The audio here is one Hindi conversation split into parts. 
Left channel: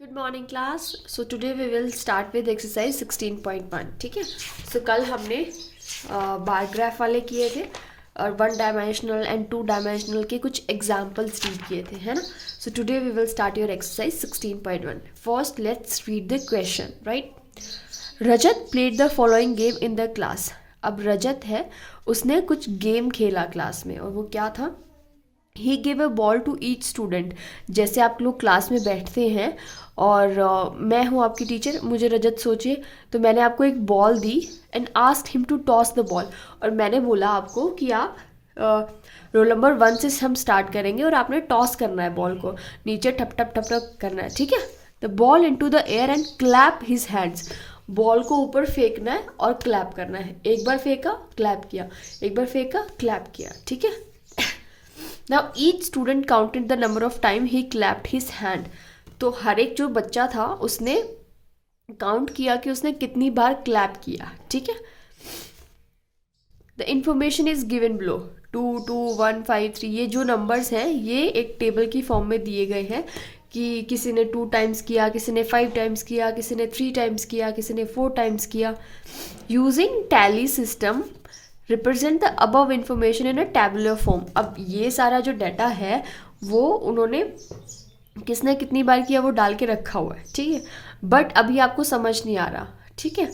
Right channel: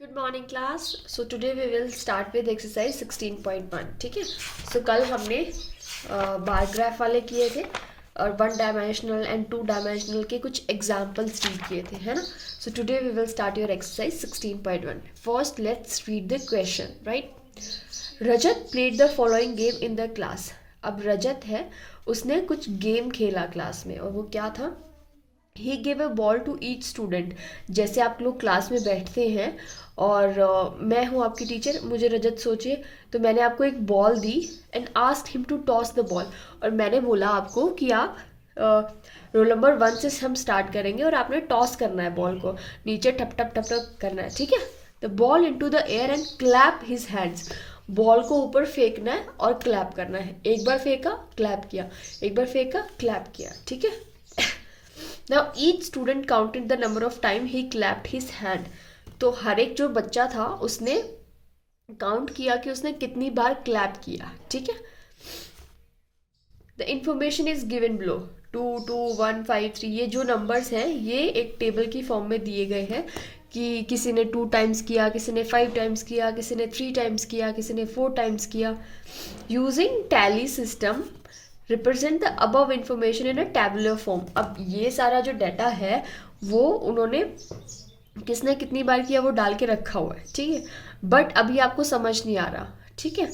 Good morning class. So today we will start with exercise 16.1। ठीक है। सो कल हमने बार ग्राफ वाले किए थे और 1 डायमेंशनल एंड 2 डायमेंशनल के कुछ एग्जाम्पल्स रीड किए थे, है ना। So today we will start your exercise 16.1। First let's read the question. Right, Rajat played the following game in the class. अब रजत है, उसने कुछ गेम खेला क्लास में, और वो क्या था। He give a ball to each student. जैसे आप लोग क्लास में बैठते हैं और मैं हूँ आपकी टीचर, मुझे रजत सोचिए, तो मैंने आपको एक बॉल दी and asked him to toss the ball. और मैंने बोला आपको कि आप रोल नंबर 1 से हम स्टार्ट करेंगे और आपने टॉस करना है बॉल को, नीचे ठप ठप ठप ठप करना है। ठीक है। The ball into the air and clap his hands. Ball को ऊपर फेंकना है और क्लैप करना है। एक बार फेंका, क्लैप किया, एक बार फेंका, क्लैप किया। ठीक है। Now each student counted the number of time he clapped his hand. तो हर एक जो बच्चा था उसने काउंट किया कि उसने कितनी बार क्लैप किया। ठीक है। The information is given below. 2, 2, 1, 5, 3 ये जो नंबर्स हैं ये एक टेबल की फॉर्म में दिए गए हैं कि किसी ने 2 टाइम्स किया, किसी ने 5 टाइम्स किया, किसी ने 3 टाइम्स किया, किसी ने 4 टाइम्स किया। Using tally system represent the above information in a tabular form. अब ये सारा जो डाटा है वो उन्होंने किसने कितनी बार किया वो डाल के रखा हुआ है। ठीक है। बट अभी आपको समझ नहीं आ रहा। ठीक है।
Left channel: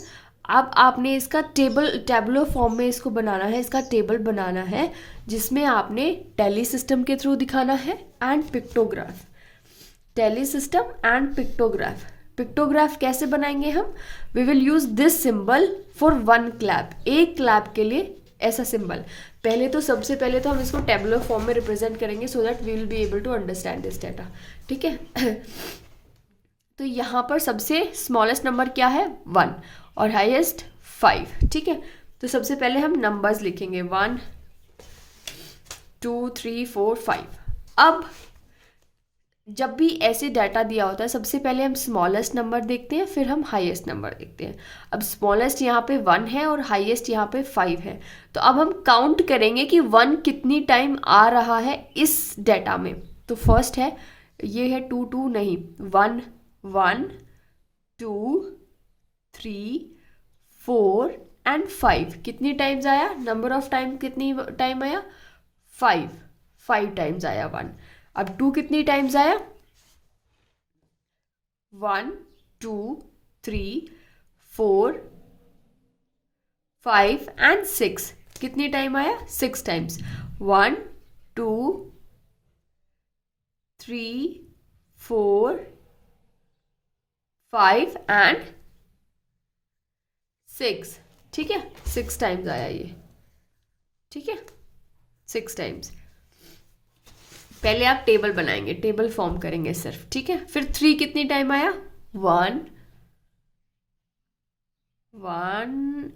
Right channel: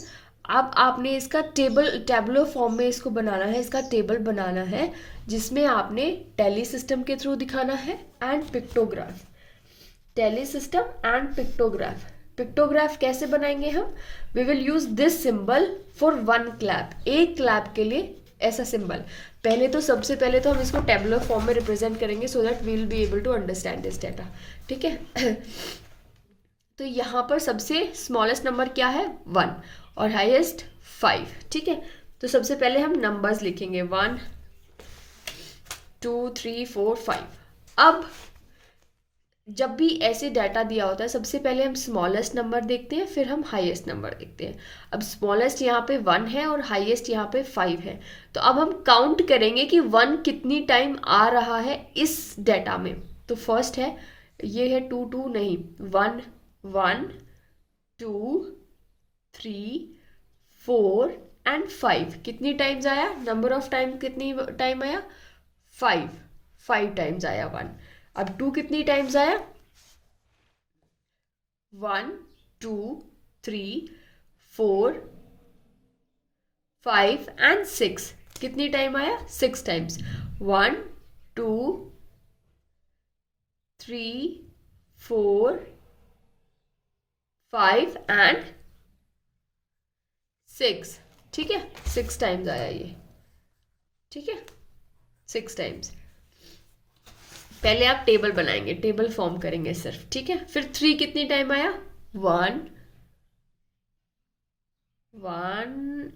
अब आपने इसका टैबुलर फॉर्म में इसको बनाना है, इसका टेबल बनाना है जिसमें आपने टैली सिस्टम के थ्रू दिखाना है and pictograph. Tally system and pictograph. Pictograph कैसे बनाएंगे हम। We will use this symbol for 1 clap. एक क्लैप के लिए ऐसा सिंबल। पहले तो सबसे पहले तो हम इसको टेबुलर फॉर्म में रिप्रेजेंट करेंगे so that we will be able to understand this data. ठीक है। तो यहाँ पर सबसे स्मॉलेस्ट नंबर क्या है 1 और हाईएस्ट 5। ठीक है। तो सबसे पहले हम नंबर्स लिखेंगे 1, 2, 3, 4, 5। अब जब भी ऐसे डाटा दिया होता है सबसे पहले हम स्मॉलेस्ट नंबर देखते हैं, फिर हम हाईएस्ट नंबर देखते हैं। अब स्मॉलेस्ट यहाँ पे 1 है और हाईएस्ट यहाँ पे 5 है। तो अब हम काउंट करेंगे कि 1 कितनी टाइम आ रहा है इस डाटा में। तो फर्स्ट है, ये है 2, 2 नहीं, 1, 1, 2, 3, 4 एंड 5। कितनी टाइम्स आया, नंबर ऑफ टाइम कितनी टाइम आया 5 टाइम्स आया 1। अब 2 कितनी टाइम्स आया 1, 2, 3, 4, 5 एंड 6। कितनी टाइम आया 6 टाइम्स। 1, 2, 3, 4, 5 एंड 6। ठीक है। 6 टाइम्स आया ये। ठीक है। 6 टाइम्स। पहले आप टेबल बनाएंगे, टेबल फॉर्म करेंगे सिर्फ। ठीक है। फिर 3 कितनी टाइम आया 1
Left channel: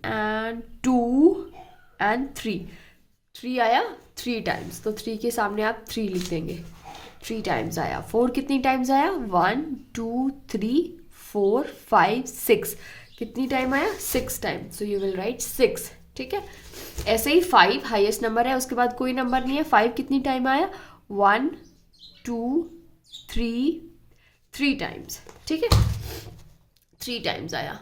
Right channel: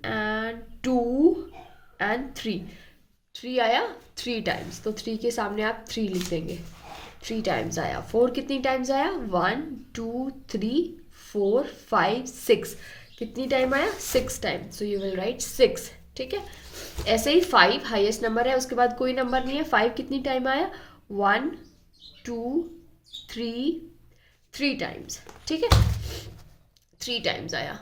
एंड 2 एंड 3 आया 3 टाइम्स। तो 3 के सामने आप 3 लिख देंगे, 3 टाइम्स आया। 4 कितनी टाइम्स आया 1, 2, 3, 4, 5, 6। कितनी टाइम आया 6 times. So you will write 6। ठीक है। ऐसे ही 5 हाईएस्ट नंबर है, उसके बाद कोई नंबर नहीं है। 5 कितनी टाइम आया 1, 2, 3 टाइम्स। ठीक है। 3 टाइम्स आया।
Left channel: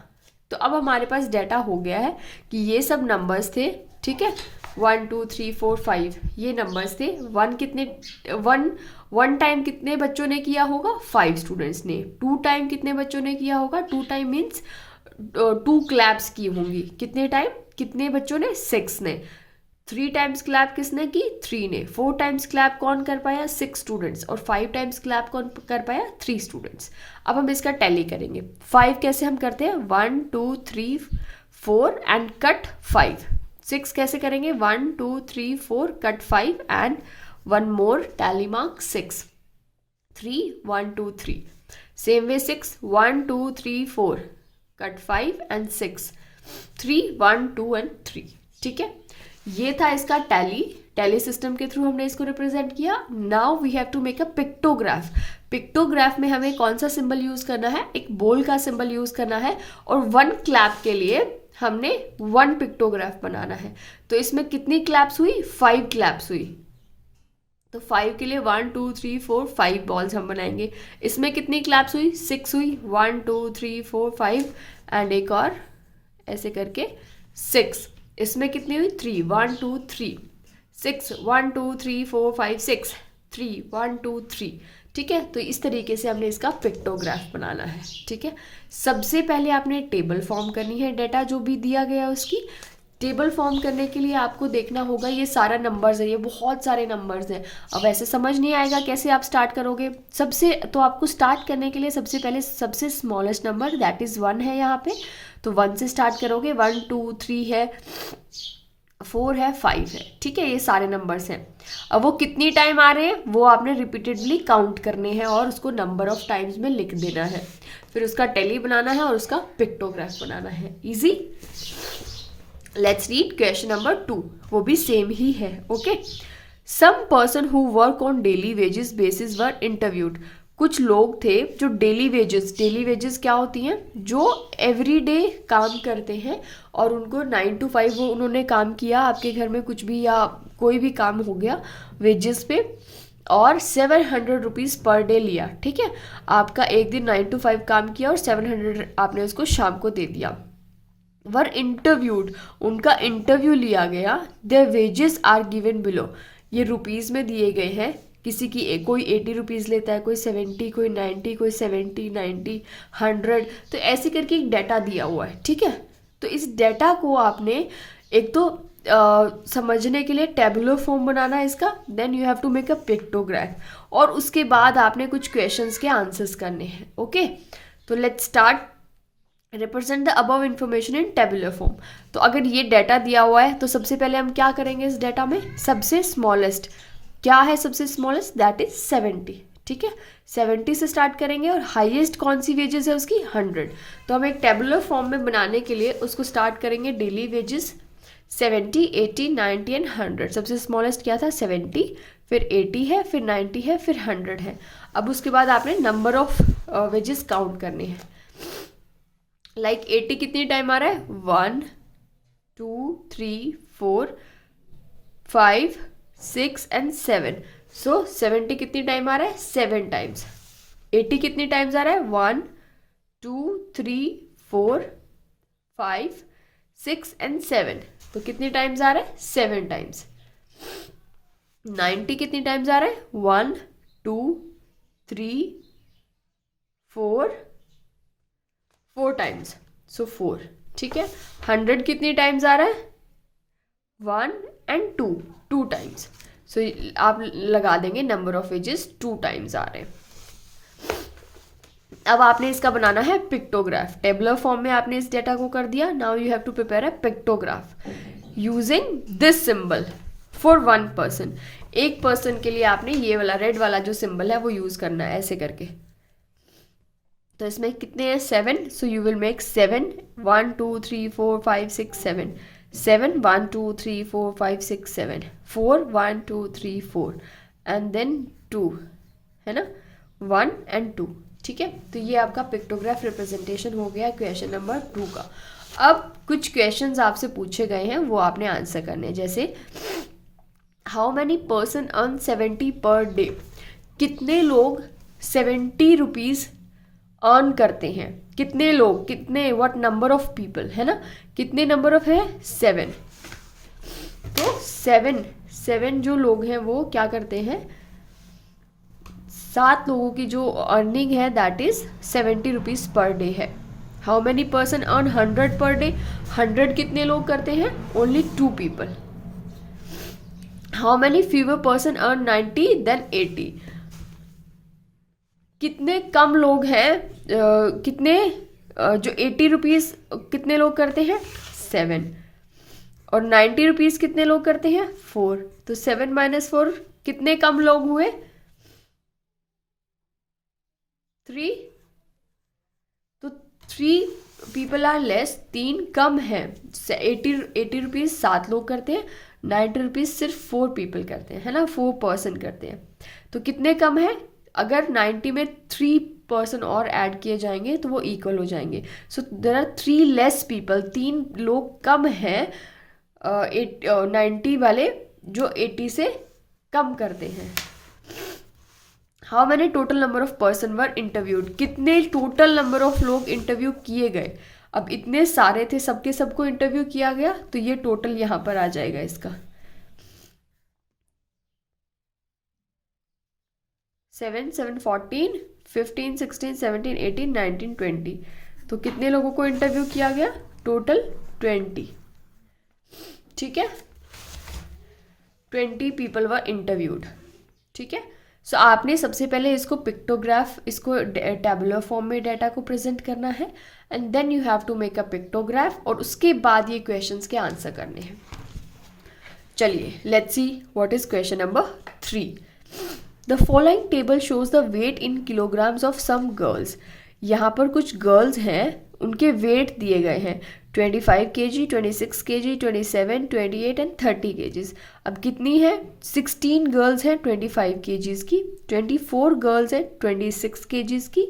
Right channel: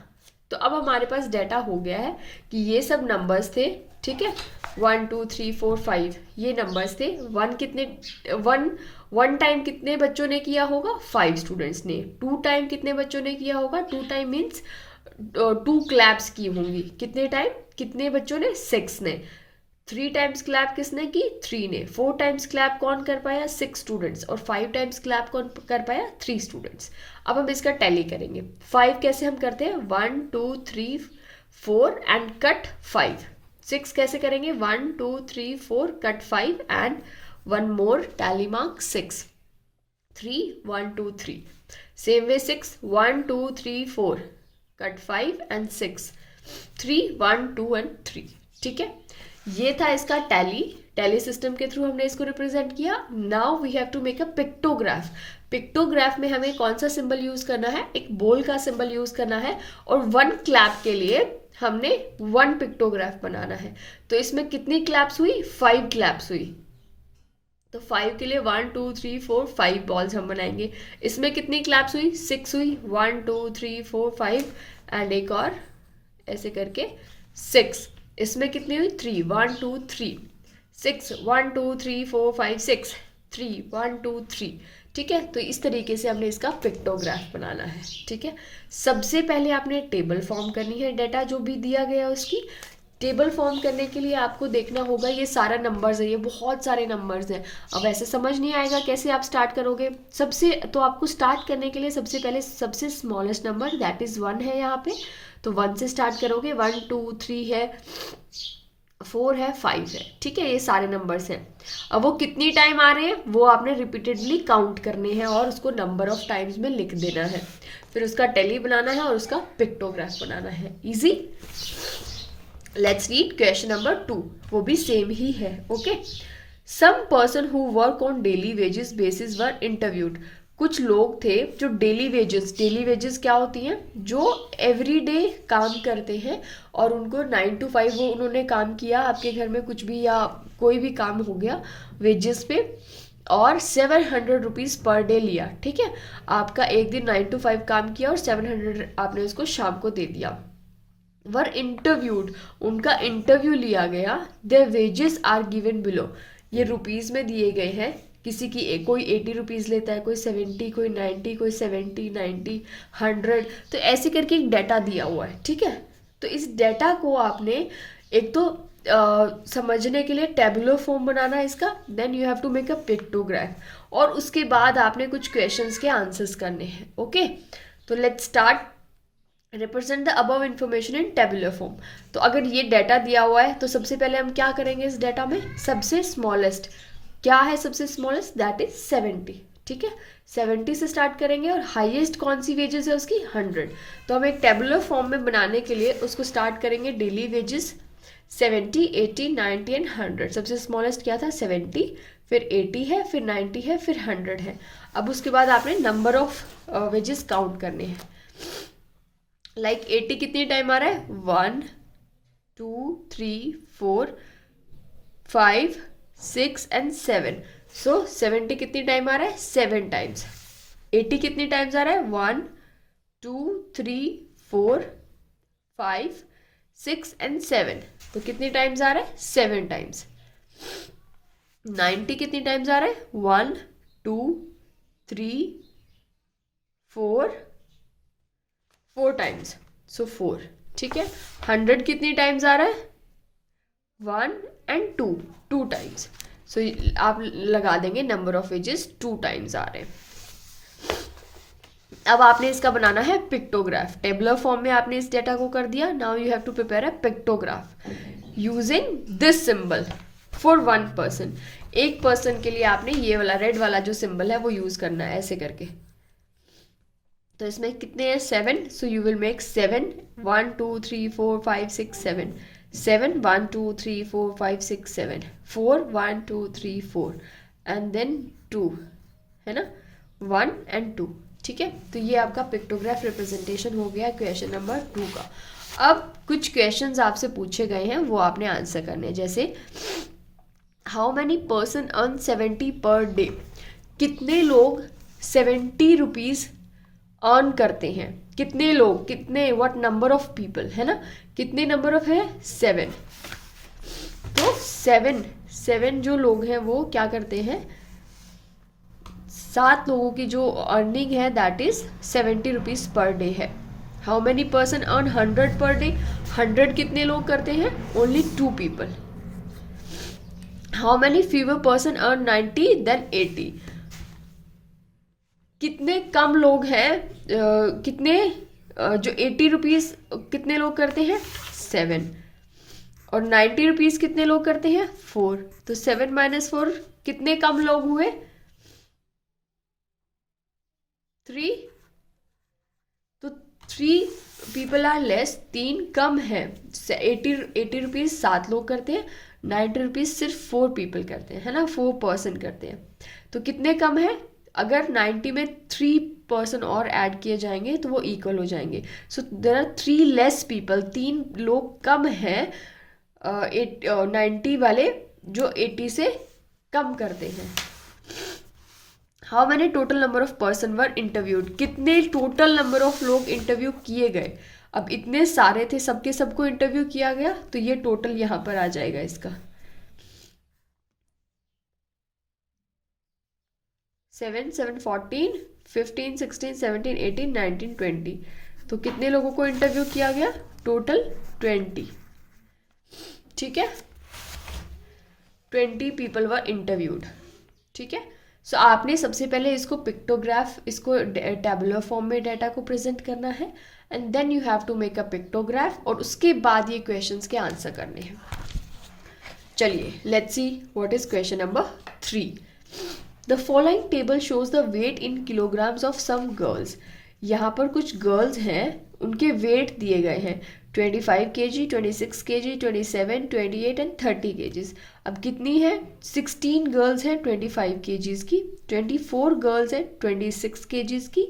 तो अब हमारे पास डाटा हो गया है कि ये सब नंबर्स थे। ठीक है। 1, 2, 3, 4, 5 ये नंबर्स थे। 1 टाइम कितने बच्चों ने किया होगा 5 स्टूडेंट्स ने। 2 टाइम कितने बच्चों ने किया होगा 2 टाइम मीन्स 2 क्लैप्स की होंगी। कितने टाइम, कितने बच्चों ने 6 ने। 3 टाइम्स क्लैप किसने की 3 ने। 4 टाइम्स क्लैप कौन कर पाया 6 स्टूडेंट्स। और 5 टाइम्स क्लैप कौन कर पाया 3 स्टूडेंट्स। अब हम इसका टैली करेंगे। 5 कैसे हम करते हैं 1, 2, 3, 4 एंड कट 5। 6 कैसे करेंगे 1, 2, 3, 4 cut 5 and 1 more tally mark 6, 3, 1, 2, 3। Same way 6, 1, 2, 3, 4 cut 5 and 6, 3, 1, 2 and 3। ठीक है। ये था इसका टैली सिस्टम के थ्रू हमने इसको रिप्रेजेंट किया। Now we have to make a pictograph. Pictograph में हमें कौन सा सिंबल यूज करना है, एक बोल का सिंबल यूज करना है। और 1 क्लैप के लिए हमने 1 पिक्टोग्राफ बनाना है। तो इसमें कितनी क्लैप्स हुई 5 क्लैप्स हुई। तो 5 के लिए 1 2 3 4 5 बॉल्स हम बनाएंगे। इसमें कितनी क्लैप्स हुई? 6 हुई। 1 2 3 4 5 एंड एक और ऐसे करके 6। इसमें कितनी हुई? 3 1 2 3 6 1 2 3 4 5 6 3 1 2 3। ठीक है, तो इस तरीके से हमने इसका पिक्टोग्राफ बनाना है। ठीक है, सबसे पहले आपने टेबल फॉर्म करनी है, डाटा जो भी दिया गया है उसकी टेबल फॉर्म करने के लिए आपको देखना होगा ये सारा नंबर्स है, ये बहुत सारे नंबर्स हैं। अब ऐसे समझ नहीं आएगा कैसे आप स्टार्ट करोगे। सबसे तो आपको स्टार्ट करने के लिए सबसे पहले सबसे स्मॉलेस्ट नंबर दैट इज़ 1 है यहाँ पे, तो 1 से स्टार्ट करोगे। 1 2 3 है, 4 है, 5 है। ठीक है, ये सारे नंबर्स हैं। अब वो कितनी टाइम आ रहे हैं वो आपने रिपीटेडली काउंट करने हैं और उसको नंबर ऑफ टाइम्स में लिख देना है। फिर उसका टेली बनाना है और उसका पिक्टोग्राफ बनाना है। Easy. Let's read question number 2, वो भी सेम ही है। Okay, some person who work on daily wages basis were interviewed. कुछ लोग थे जो डेली वेजेस क्या होती हैं? जो एवरी डे काम करते हैं और उनको 9 to 5 वो उन्होंने काम किया, आपके घर में कुछ भी या कोई भी काम हो गया वेजेस पे, और 700 रुपीज़ पर डे लिया। ठीक है, आपका एक दिन 9 to 5 काम किया और 700 आपने उसको शाम को दे दिया। वर इंटरव्यूड, उनका इंटरव्यू लिया गया। Their wages are given below, ये रुपीज़ में दिए गए हैं। किसी की कोई 80 रुपीज़ लेता है, कोई 70, कोई 90, कोई 70 90 100, तो ऐसे करके एक डाटा दिया हुआ है। ठीक है, तो इस डाटा को आपने एक तो समझने के लिए टेबुलर फॉर्म बनाना है इसका, then you have to make a pictograph, और उसके बाद आपने कुछ क्वेश्चंस के आंसर्स करने हैं। ओके, तो let's start. Represent the above information in tabular form. तो अगर ये डाटा दिया हुआ है तो सबसे पहले हम क्या करेंगे इस डाटा में? सबसे स्मॉलेस्ट क्या है? सबसे स्मॉलेस्ट दैट इज 70। ठीक है, 70 से स्टार्ट करेंगे और हाईएस्ट कौन सी वेजेस है उसकी? 100। तो हम एक टेबुलर फॉर्म में बनाने के लिए उसको स्टार्ट करेंगे डेली वेजेस 70 80 90 एंड 100। सबसे स्मॉलेस्ट क्या था? 70, फिर 80 है, फिर 90 है, फिर 100 है। अब उसके बाद आपने नंबर ऑफ वेजेस काउंट करने हैं। लाइक 80 कितनी टाइम आ रहा है? 1 2 3 4 5 6 एंड 7। सो 70 कितनी टाइम आ रहा है? 7 टाइम्स। 80 कितनी टाइम्स आ रहा है? 1 2 3 4 5 6 एंड 7। तो कितनी टाइम्स आ रहा है? 7 टाइम्स। 90 कितनी टाइम्स आ रहा है? 1 2 3 4 टाइम्स, सो 4। ठीक है, 100 कितनी टाइम्स आ रहा है? 1 एंड 2 टाइम्स। सो आप लगा देंगे नंबर ऑफ वेजेस 2 टाइम्स आ रहे हैं। अब आपने इसका बनाना है पिक्टोग्राफ। टेबुलर फॉर्म में आपने इस डेटा को कर दिया। Now you have to prepare a pictograph using this symbol for 1 person. एक पर्सन के लिए आपने ये वाला रेड वाला जो सिंबल है वो यूज करना है, ऐसे करके। तो इसमें कितने हैं? 7। So you will make 7 1 2 3 4 5 6 7 7 1 2 3 4 5 6 7 4 1 2 3 4 and then 2, है ना, 1 एंड 2। ठीक है, तो ये आपका पिक्टोग्राफ रिप्रेजेंटेशन हो गया क्वेश्चन नंबर 2 का। अब कुछ क्वेश्चंस आपसे पूछे गए हैं वो आपने आंसर करने हैं। जैसे how many person earn 70 per day. कितने लोग 70 रुपीज़ अर्न करते हैं? कितने लोग, कितने, व्हाट नंबर ऑफ पीपल, है ना, कितने नंबर ऑफ है? 7। तो 7 जो लोग हैं वो क्या करते हैं? 7 लोगों की जो अर्निंग है that is 70 rupees per day है। How many person earn 100 per day. 100 कितने लोग करते हैं? Only 2 people. How many fewer person earn 90 than 80। कितने कम लोग हैं कितने जो 80 रुपीज़ कितने लोग करते हैं? 7। और 90 रुपीज़ कितने लोग करते हैं? 4। तो 7 - 4 कितने कम लोग हुए? 3। तो 3 पीपल आर लेस, 3 कम है। 80 रुपीज़ 7 लोग करते हैं, 90 रुपीज़ सिर्फ 4 पीपल करते हैं, है ना, 4 पर्सन करते हैं। तो कितने कम है? अगर 90 में 3 पर्सन और ऐड किए जाएंगे तो वो इक्वल हो जाएंगे। सो देर आर 3 लेस पीपल, 3 लोग कम हैं 90 वाले जो 80 से कम करते हैं। How many total number of person were interviewed, कितने टोटल नंबर ऑफ लोग इंटरव्यू किए गए। अब इतने सारे थे, सबके सबको इंटरव्यू किया गया, तो ये टोटल यहाँ पर आ जाएगा इसका 7, 7, 14, 15, 16, 17, 18, 19, 20। तो कितने लोगों को इंटरव्यू किया गया, टोटल 20। ठीक है, 20 पीपल वर इंटरव्यूड। ठीक है, सो आपने सबसे पहले इसको पिक्टोग्राफ, इसको टेबुलर फॉर्म में डाटा को प्रेजेंट करना है, and then you have to make a pictograph, और उसके बाद ये क्वेश्चंस के आंसर करने हैं। चलिए let's see what is question number 3। The following table shows the weight in kilograms of some girls. यहाँ पर कुछ गर्ल्स हैं, उनके वेट दिए गए हैं 25 kg, 26 kg, 27, 28 एंड 30 kgs। अब कितनी है, 16 गर्ल्स हैं 25 kgs की, 24 गर्ल्स हैं 26 kgs की,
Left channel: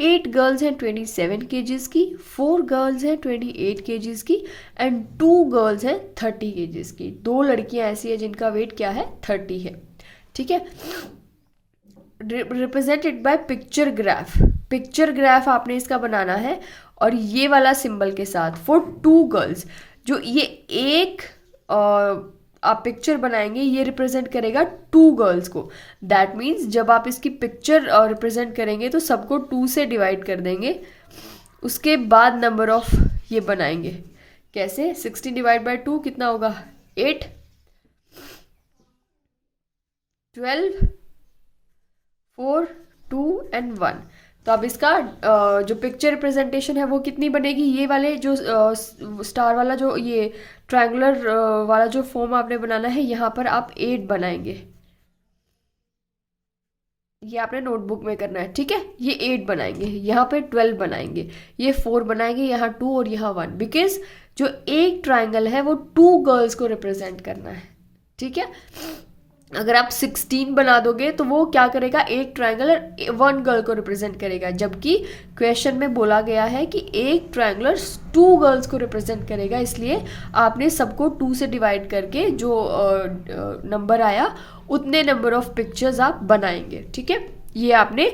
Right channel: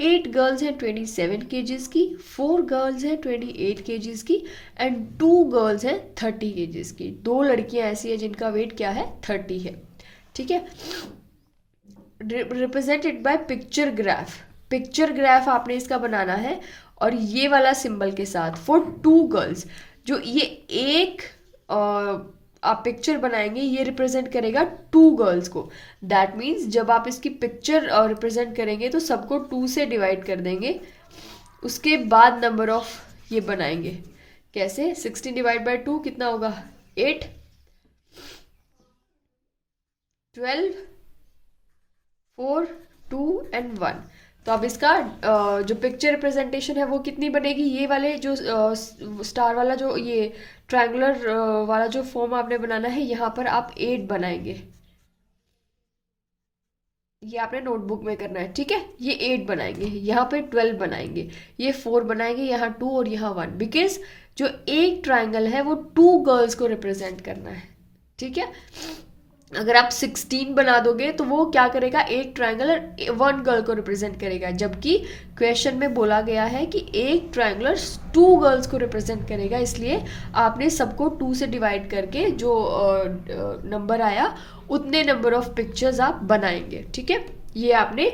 8 गर्ल्स हैं 27 kgs की, 4 गर्ल्स हैं 28 kgs की, एंड 2 गर्ल्स हैं 30 kgs की। 2 लड़कियां ऐसी हैं जिनका वेट क्या है, 30 है। ठीक है, represented by picture graph. Picture graph आपने इसका बनाना है, और ये वाला सिंबल के साथ फॉर 2 गर्ल्स। जो ये एक आप पिक्चर बनाएंगे, ये रिप्रेजेंट करेगा 2 गर्ल्स को। दैट मीन्स जब आप इसकी पिक्चर रिप्रेजेंट करेंगे तो सबको 2 से डिवाइड कर देंगे, उसके बाद नंबर ऑफ ये बनाएंगे। कैसे, 16 डिवाइड बाय 2 कितना होगा, 8, 12, 4, 2 एंड 1। तो अब इसका जो पिक्चर रिप्रेजेंटेशन है वो कितनी बनेगी, ये वाले जो स्टार वाला जो ये ट्रायंगुलर वाला जो फॉर्म आपने बनाना है, यहाँ पर आप 8 बनाएंगे। ये आपने नोटबुक में करना है। ठीक है, ये 8 बनाएंगे, यहाँ पे 12 बनाएंगे, ये 4 बनाएंगे, यहाँ 2 और यहाँ 1, बिकॉज जो एक ट्राइंगल है वो 2 गर्ल्स को रिप्रेजेंट करना है। ठीक है, अगर आप 16 बना दोगे तो वो क्या करेगा, एक ट्रायंगुलर 1 गर्ल को रिप्रेजेंट करेगा, जबकि क्वेश्चन में बोला गया है कि एक ट्रायंगुलर 2 गर्ल्स को रिप्रेजेंट करेगा। इसलिए आपने सबको 2 से डिवाइड करके जो नंबर आया उतने नंबर ऑफ पिक्चर्स आप बनाएंगे। ठीक है, ये आपने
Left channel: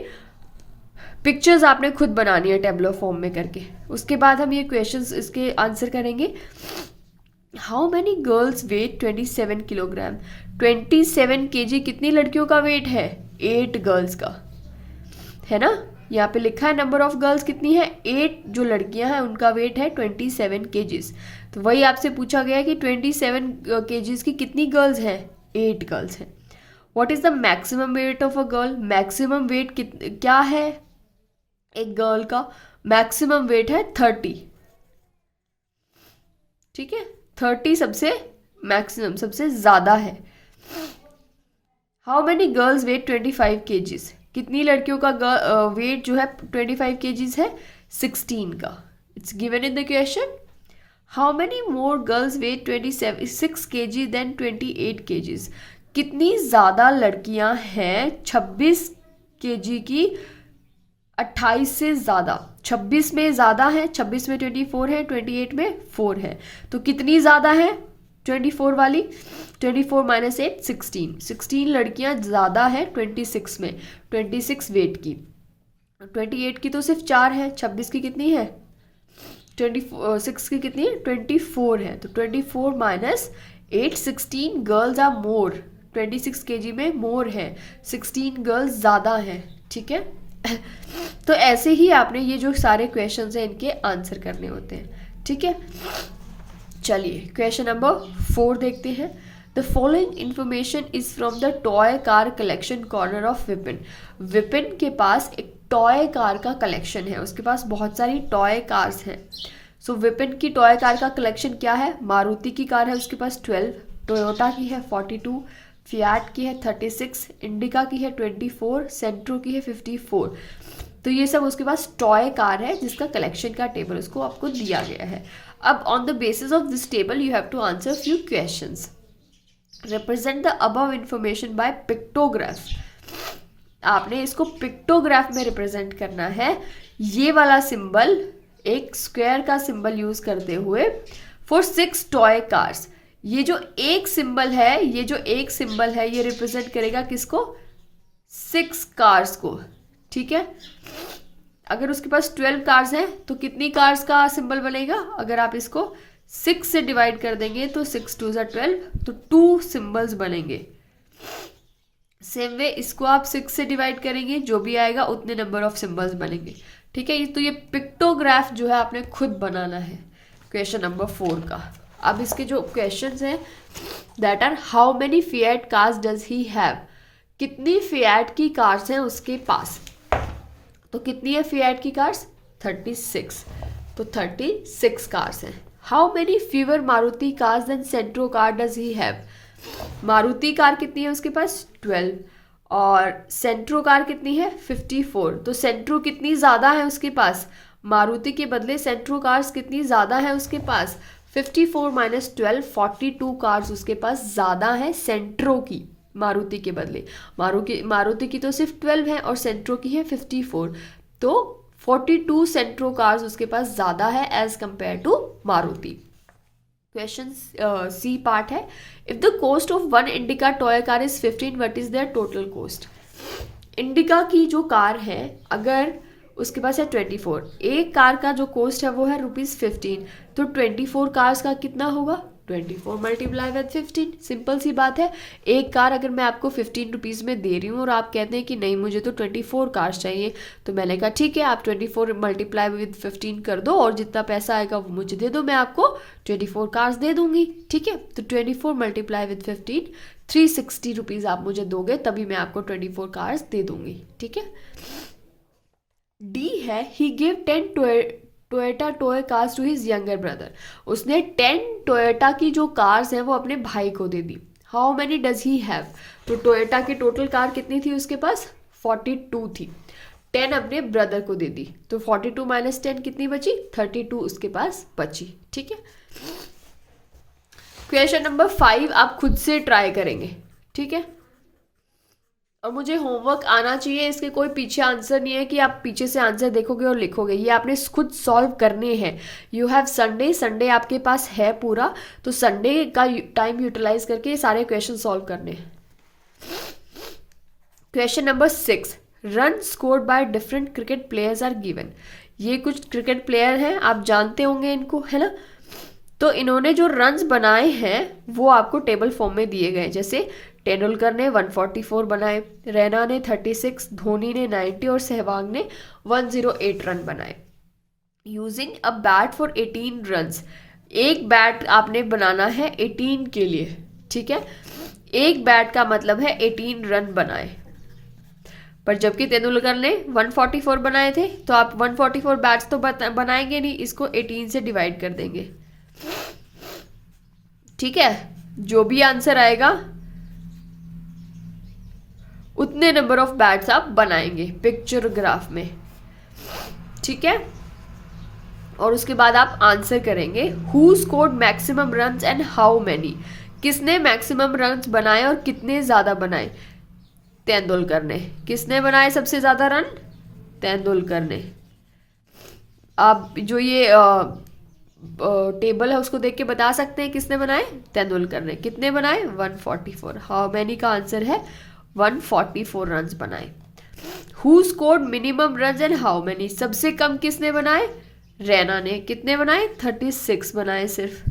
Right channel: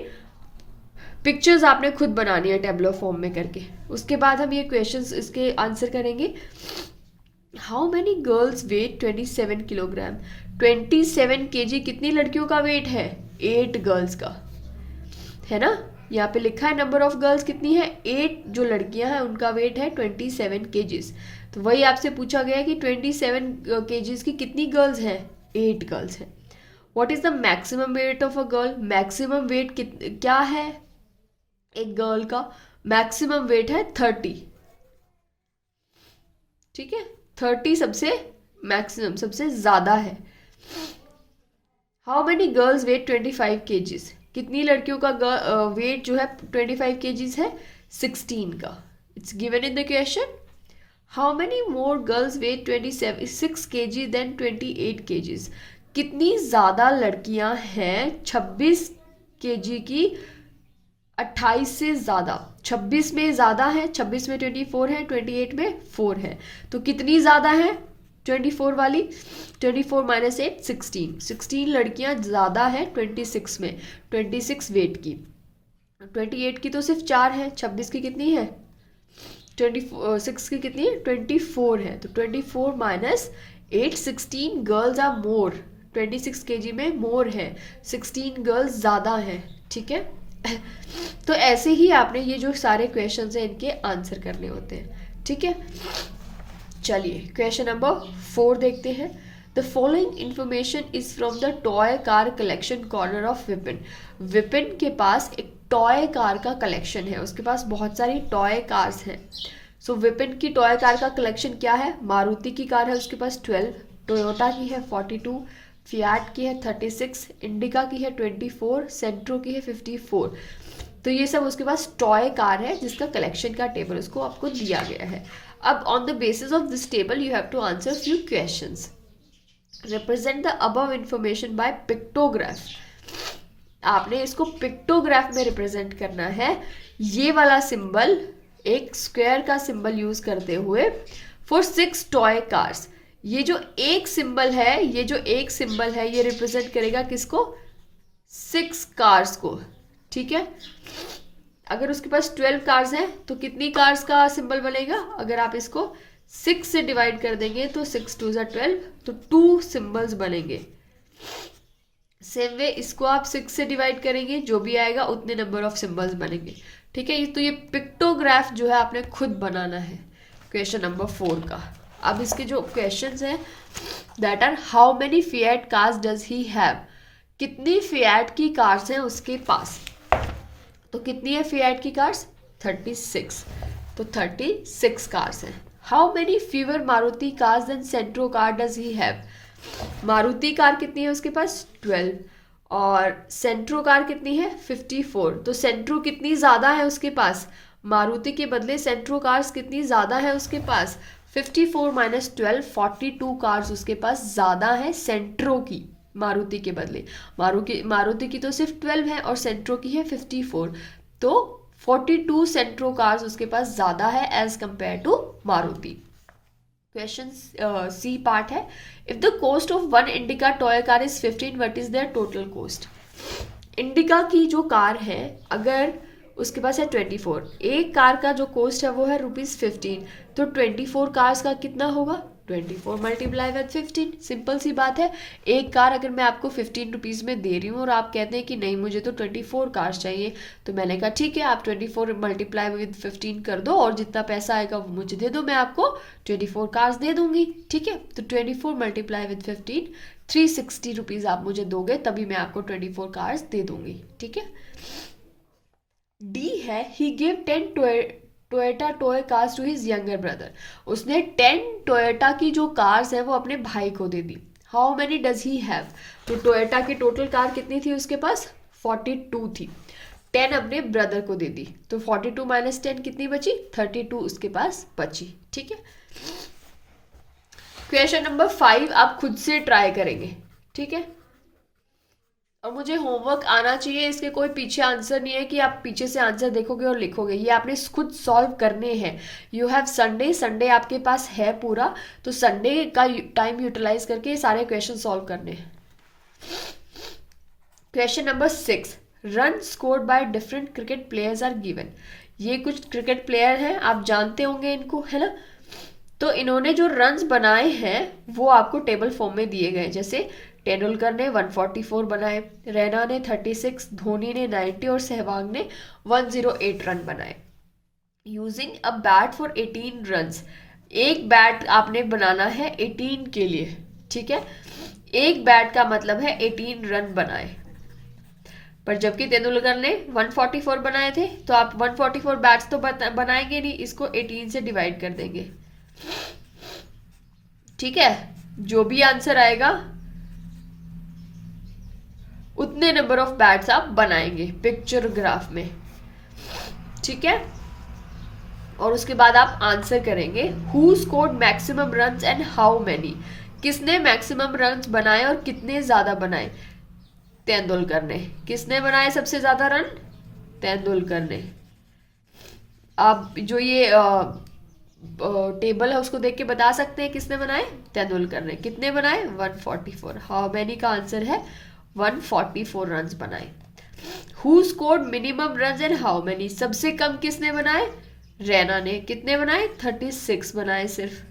पिक्चर्स आपने खुद बनानी है टेबलर फॉर्म में करके। उसके बाद हम ये क्वेश्चंस इसके आंसर करेंगे। How many girls weigh 27 kilogram. 27 kg कितनी लड़कियों का वेट है, 8 गर्ल्स का, है ना। यहाँ पे लिखा है नंबर ऑफ गर्ल्स कितनी है, 8 जो लड़कियां हैं उनका वेट है 27 kgs। तो वही आपसे पूछा गया कि 27 kgs की कितनी गर्ल्स हैं, 8 गर्ल्स हैं। What is the maximum weight of a girl. Maximum weight क्या है एक गर्ल का, मैक्सिमम वेट है 30। ठीक है, 30 सबसे मैक्सिमम, सबसे ज्यादा है। How many girls weigh 25 kgs। कितनी लड़कियों का वेट जो है 25 kgs है, 16 का। It's given in the question. How many more girls weigh 26 kg than 28 kgs। कितनी ज्यादा लड़कियां हैं 26 kg की 28 से ज्यादा। 26 में ज्यादा है, 26 में 24 है, 28 में 4 है, तो कितनी ज्यादा है 24 वाली। 24 माइनस 8 16, 16 लड़कियां ज्यादा है 26 में, 26 वेट की। 28 की तो सिर्फ 4 है, 26 की कितनी है 26 की कितनी है 24 है, तो 24 minus 8 16 girls are more. 26 kg में मोर है, 16 गर्ल्स ज़्यादा हैं। ठीक है, तो ऐसे ही आपने ये जो सारे क्वेश्चंस हैं इनके आंसर करने होते हैं। ठीक है, चलिए क्वेश्चन नंबर 4 देखते हैं। The following information is from the toy car collection corner of Vipin. Vipin के पास एक टॉय कार का कलेक्शन है, उसके पास बहुत सारी टॉय कार्स हैं। सो विपिन की टॉय कार का कलेक्शन क्या है, मारुति की कार है उसके पास 12, टोयोटा की है 42, फियाट की है 36, इंडिका की है 24, सेंट्रो की है 54। तो ये सब उसके पास टॉय कार है जिसका कलेक्शन का टेबल उसको आपको दिया गया है। अब on the basis of this table you have to answer few questions. Represent the above information by pictograph. आपने इसको पिक्टोग्राफ में रिप्रेजेंट करना है। ये वाला सिंबल एक स्क्वायर का सिंबल यूज करते हुए फॉर 6 टॉय कार्स। ये जो एक सिंबल है, ये रिप्रेजेंट करेगा किसको? 6 कार्स को, ठीक है। अगर उसके पास 12 कार्स हैं तो कितनी कार्स का सिंबल बनेगा? अगर आप इसको 6 से डिवाइड कर देंगे तो 6 2 ज़ा 12, तो 2 सिंबल्स बनेंगे। सेम वे इसको आप 6 से डिवाइड करेंगे, जो भी आएगा उतने नंबर ऑफ सिंबल्स बनेंगे, ठीक है। ये तो ये पिक्टोग्राफ जो है आपने खुद बनाना है क्वेश्चन नंबर 4 का। अब इसके जो क्वेश्चंस हैं that are how many Fiat cars does he have, कितनी फिएट की कार्स हैं उसके पास। तो कितनी है फिएट की कार्स? 36, तो 36 कार्स हैं। How many fewer Maruti cars than Santro car does he have, Maruti car कितनी है उसके पास? 12, और सेंट्रो कार कितनी है? 54। तो सेंट्रो कितनी ज़्यादा है उसके पास? मारुति के बदले सेंट्रो कार्स कितनी ज़्यादा है उसके पास? 54 माइनस 12, 42 कार्स उसके पास ज़्यादा है सेंट्रो की, मारुति के बदले। मारुति की तो सिर्फ 12 है और सेंट्रो की है 54, तो 42 सेंट्रो कार्स उसके पास ज़्यादा है as compare to Maruti. Question C part है, if the cost of one Indica toy car is 15, what is their total cost. Indica की जो कार है अगर उसके पास है 24, एक कार का जो कॉस्ट है वो है ₹15, तो 24 कार्स का कितना होगा? 24 मल्टीप्लाई विद 15, सिंपल सी बात है। एक कार अगर मैं आपको 15 रुपीज़ में दे रही हूँ और आप कहते हैं कि नहीं मुझे तो 24 कार्स चाहिए, तो मैंने कहा ठीक है आप 24 मल्टीप्लाई विद 15 कर दो और जितना पैसा आएगा वो मुझे दे दो, मैं आपको 24 कार्स दे दूंगी, ठीक है। तो 24 मल्टीप्लाई विद 15, 360 रुपीज़ आप मुझे दोगे तभी मैं आपको 24 कार्स दे दूंगी, ठीक है। डी है, he give 10 Toyota toy cars to his younger brother, उसने 10 टोयोटा की जो कार्स हैं वो अपने भाई को दे दी। How many does he have, तो टोयोटा की टोटल कार कितनी थी उसके पास? 42 थी, 10 अपने ब्रदर को दे दी, तो 42 माइनस 10 कितनी बची? 32 उसके पास बची, ठीक है। क्वेश्चन नंबर 5 आप खुद से ट्राई करेंगे, ठीक है। और मुझे होमवर्क आना चाहिए, इसके कोई पीछे आंसर नहीं है कि आप पीछे से आंसर देखोगे और लिखोगे, ये आपने खुद सॉल्व करने हैं। यू हैव संडे आपके पास है पूरा, तो संडे का टाइम यूटिलाइज करके सारे क्वेश्चन सॉल्व करने हैं। Question number 6, run scored by different cricket players are given. ये कुछ क्रिकेट प्लेयर हैं, आप जानते होंगे इनको, है ना। तो इन्होंने जो रन्स बनाए हैं वो आपको टेबल फॉर्म में दिए गए, जैसे तेंदुलकर ने 144 बनाए, रैना ने 36, धोनी ने 90 और सहवाग ने 108 रन बनाए। Using a bat for 18 runs, एक बैट आपने बनाना है 18 के लिए, ठीक है। एक बैट का मतलब है 18 रन बनाए, पर जबकि तेंदुलकर ने 144 बनाए थे तो आप 144 बैट्स तो बनाएंगे नहीं, इसको 18 से डिवाइड कर देंगे, ठीक है। जो भी आंसर आएगा उतने नंबर ऑफ बैट्स आप बनाएंगे पिक्चर ग्राफ में, ठीक है। और उसके बाद आप आंसर करेंगे who scored maximum runs and how many, किसने मैक्सिमम रन्स बनाए और कितने ज्यादा बनाए? तेंदुलकर ने। किसने बनाए सबसे ज्यादा रन? तेंदुलकर ने। आप जो ये टेबल है उसको देख के बता सकते हैं किसने बनाए? तेंदुलकर ने। कितने बनाए? 144। हाउ मैनी का आंसर है 144 रन्स बनाए। Who scored minimum runs and how many, सबसे कम किसने बनाए? रैना ने। कितने बनाए? 36 बनाए सिर्फ।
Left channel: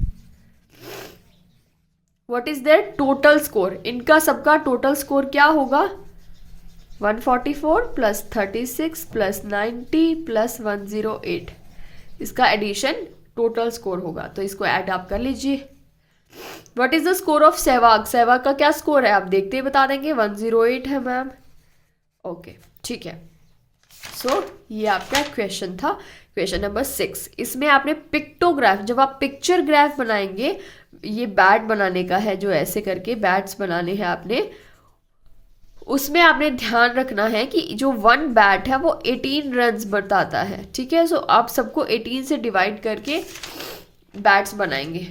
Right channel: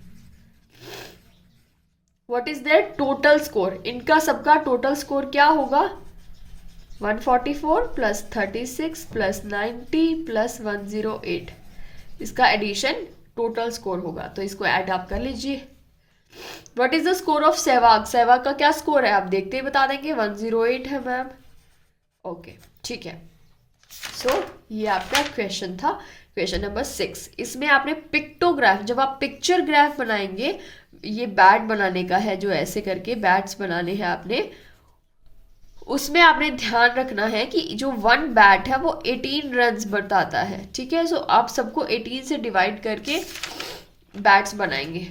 What is their total score, इनका सबका टोटल स्कोर क्या होगा? 144 प्लस 36 प्लस 90 प्लस 108, इसका एडिशन टोटल स्कोर होगा, तो इसको ऐड आप कर लीजिए। What is the score of Sehwag, Sehwag का क्या स्कोर है आप देखते ही बता देंगे, 108 है मैम। ओके ठीक है, सो ये आपका क्वेश्चन था, क्वेश्चन नंबर 6। इसमें आपने पिक्टोग्राफ, जब आप पिक्चर ग्राफ बनाएंगे, ये बैट बनाने का है जो ऐसे करके बैट्स बनाने हैं आपने, उसमें आपने ध्यान रखना है कि जो वन बैट है वो 18 रन्स बताता है, ठीक है। सो आप सबको 18 से डिवाइड करके बैट्स बनाएंगे।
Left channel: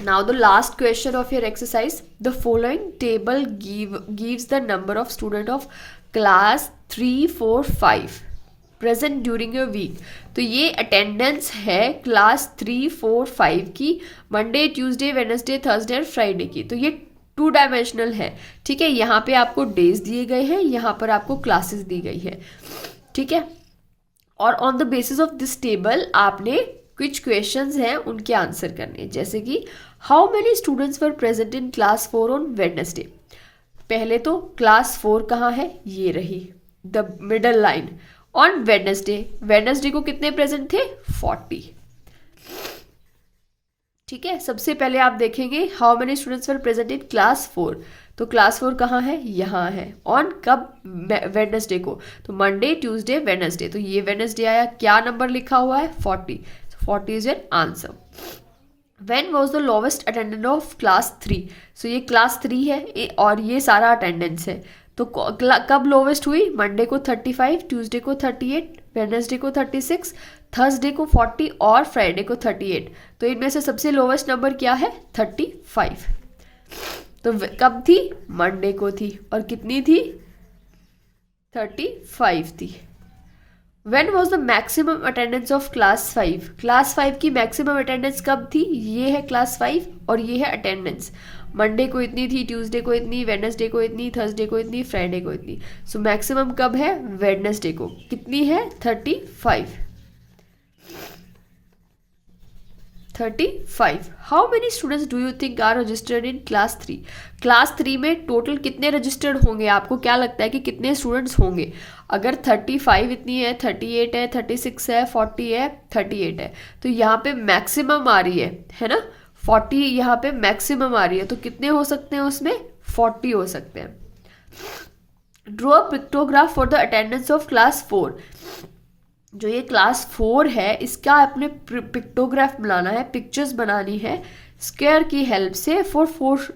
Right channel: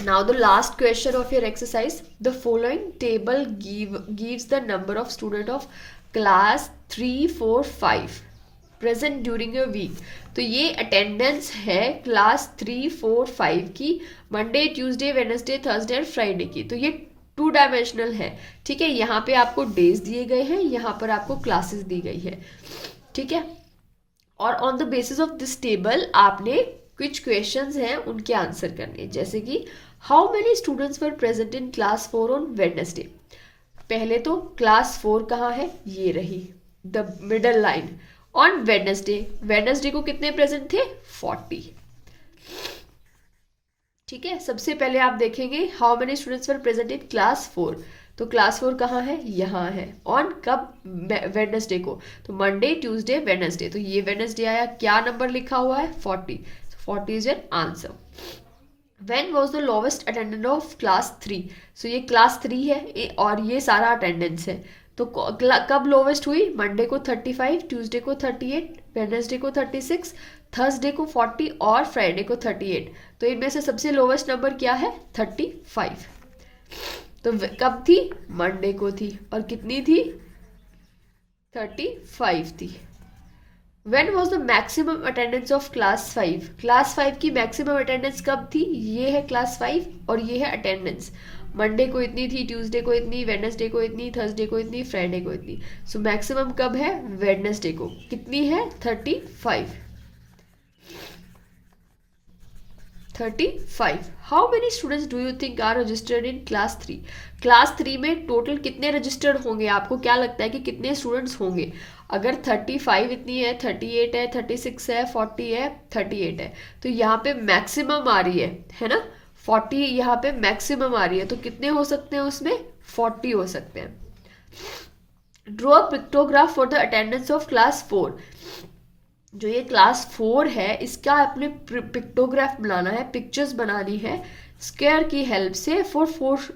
Now the last question of your exercise, the following table gives the number of student of class 3, 4, 5. Present during a week. तो ये अटेंडेंस है क्लास 3, 4, 5 की, मंडे, ट्यूसडे, वेडनेसडे, थर्सडे और फ्राइडे की। तो ये 2 डायमेंशनल है, ठीक है। यहाँ पे आपको डेज दिए गए हैं, यहाँ पर आपको क्लासेस दी गई है, ठीक है। और on the basis of this table आपने कुछ क्वेश्चंस हैं उनके आंसर करने, जैसे कि how many students were present in class 4 on Wednesday. पहले तो क्लास 4 कहाँ है, ये रही the middle line. On Wednesday, Wednesday को कितने प्रेजेंट थे, 40, ठीक है। सबसे पहले आप देखेंगे how many students were present in class 4, तो क्लास 4 कहाँ है, यहाँ है। ऑन कब, वेडनेसडे को, तो मंडे, ट्यूसडे, वेडनेसडे। तो ये वेडनेसडे आया, क्या नंबर लिखा हुआ है, 40, 40 is your answer. When was the lowest attendance of class 3? सो ये क्लास 3 है और ये सारा अटेंडेंस है। तो कब लोवेस्ट हुई, मंडे को 35, ट्यूसडे को 38, वेडनेसडे को 36, थर्सडे को 40 और फ्राइडे को 38। तो इनमें से सबसे लोवेस्ट नंबर क्या है, 35। तो कब थी, मंडे को थी, और कितनी थी, 35 थी। When was the maximum attendance of class 5? Class 5 की मैक्सिमम अटेंडेंस कब थी, ये है क्लास 5 और ये है अटेंडेंस। मंडे को इतनी थी, ट्यूसडे को इतनी, वेडनेसडे को इतनी, थर्सडे को इतनी, फ्राइडे को इतनी। सो मैक्सिमम कब है, वेडनेसडे को, कितनी है, 35। 35। How many students do you think are registered in class 3? क्लास 3 में टोटल कितने रजिस्टर्ड होंगे, आपको क्या लगता है कि कितने स्टूडेंट्स होंगे? अगर 35 इतनी है, 38 है, 36 है, 40 है, 38 है, तो यहाँ पे मैक्सिमम आ रही है ना, 40 यहाँ पे मैक्सिमम आ रही है। तो कितने हो सकते हैं उसमें, 40 हो सकते हैं। Draw a pictograph for the attendance of class 4। जो ये क्लास 4 है इसका अपने पिक्टोग्राफ बनाना है, पिक्चर्स बनानी है स्क्वायर की हेल्प से फॉर 4।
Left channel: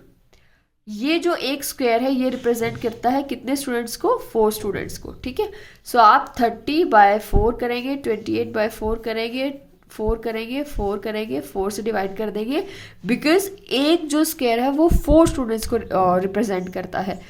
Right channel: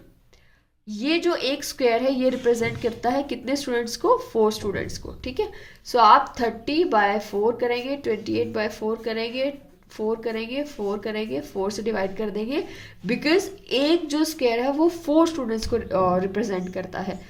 ये जो एक स्क्वायर है ये रिप्रेजेंट करता है कितने स्टूडेंट्स को, 4 स्टूडेंट्स को, ठीक है। सो आप 30/4 करेंगे, 28/4 करेंगे, 4 करेंगे, 4 करेंगे, 4 से डिवाइड कर देंगे, बिकॉज एक जो स्क्वायर है वो 4 स्टूडेंट्स को रिप्रेजेंट करता है।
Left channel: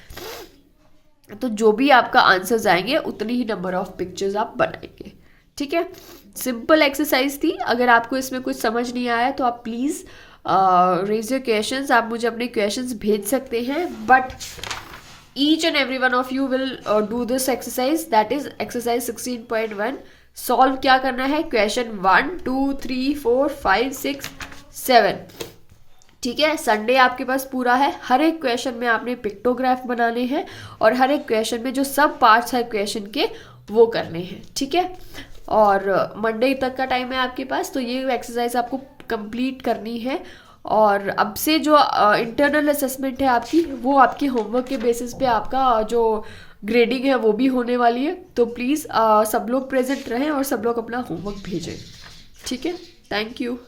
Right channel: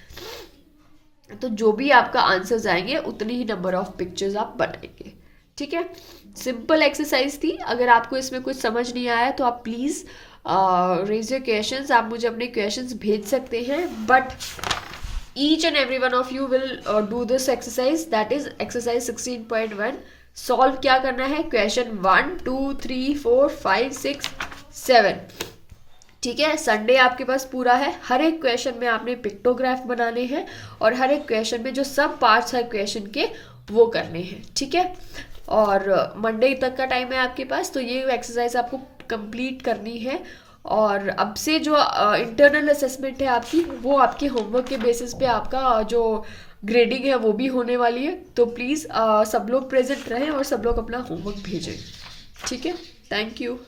तो जो भी आपका आंसर्स आएंगे उतनी ही नंबर ऑफ पिक्चर्स आप बनाएंगे, ठीक है। सिंपल एक्सरसाइज थी। अगर आपको इसमें कुछ समझ नहीं आया तो आप प्लीज़ रेज योर क्वेश्चंस, आप मुझे अपने क्वेश्चंस भेज सकते हैं, but each and every one of you will do this exercise, that is exercise 16.1। Solve क्या करना है, क्वेश्चन 1, 2, 3, 4, 5, 6, 7, ठीक है। संडे आपके पास पूरा है। हर एक क्वेश्चन में आपने पिक्टोग्राफ बनाने हैं और हर एक क्वेश्चन में जो सब पार्ट्स है क्वेश्चन के वो करने हैं, ठीक है। और मंडे तक का टाइम है आपके पास, तो ये एक्सरसाइज आपको कंप्लीट करनी है। और अब से जो इंटरनल असेसमेंट है आपकी, वो आपके होमवर्क के बेसिस पे आपका जो ग्रेडिंग है वो भी होने वाली है। तो प्लीज़ सब लोग प्रेजेंट रहें और सब लोग अपना होमवर्क भेजें, ठीक है। Thank you.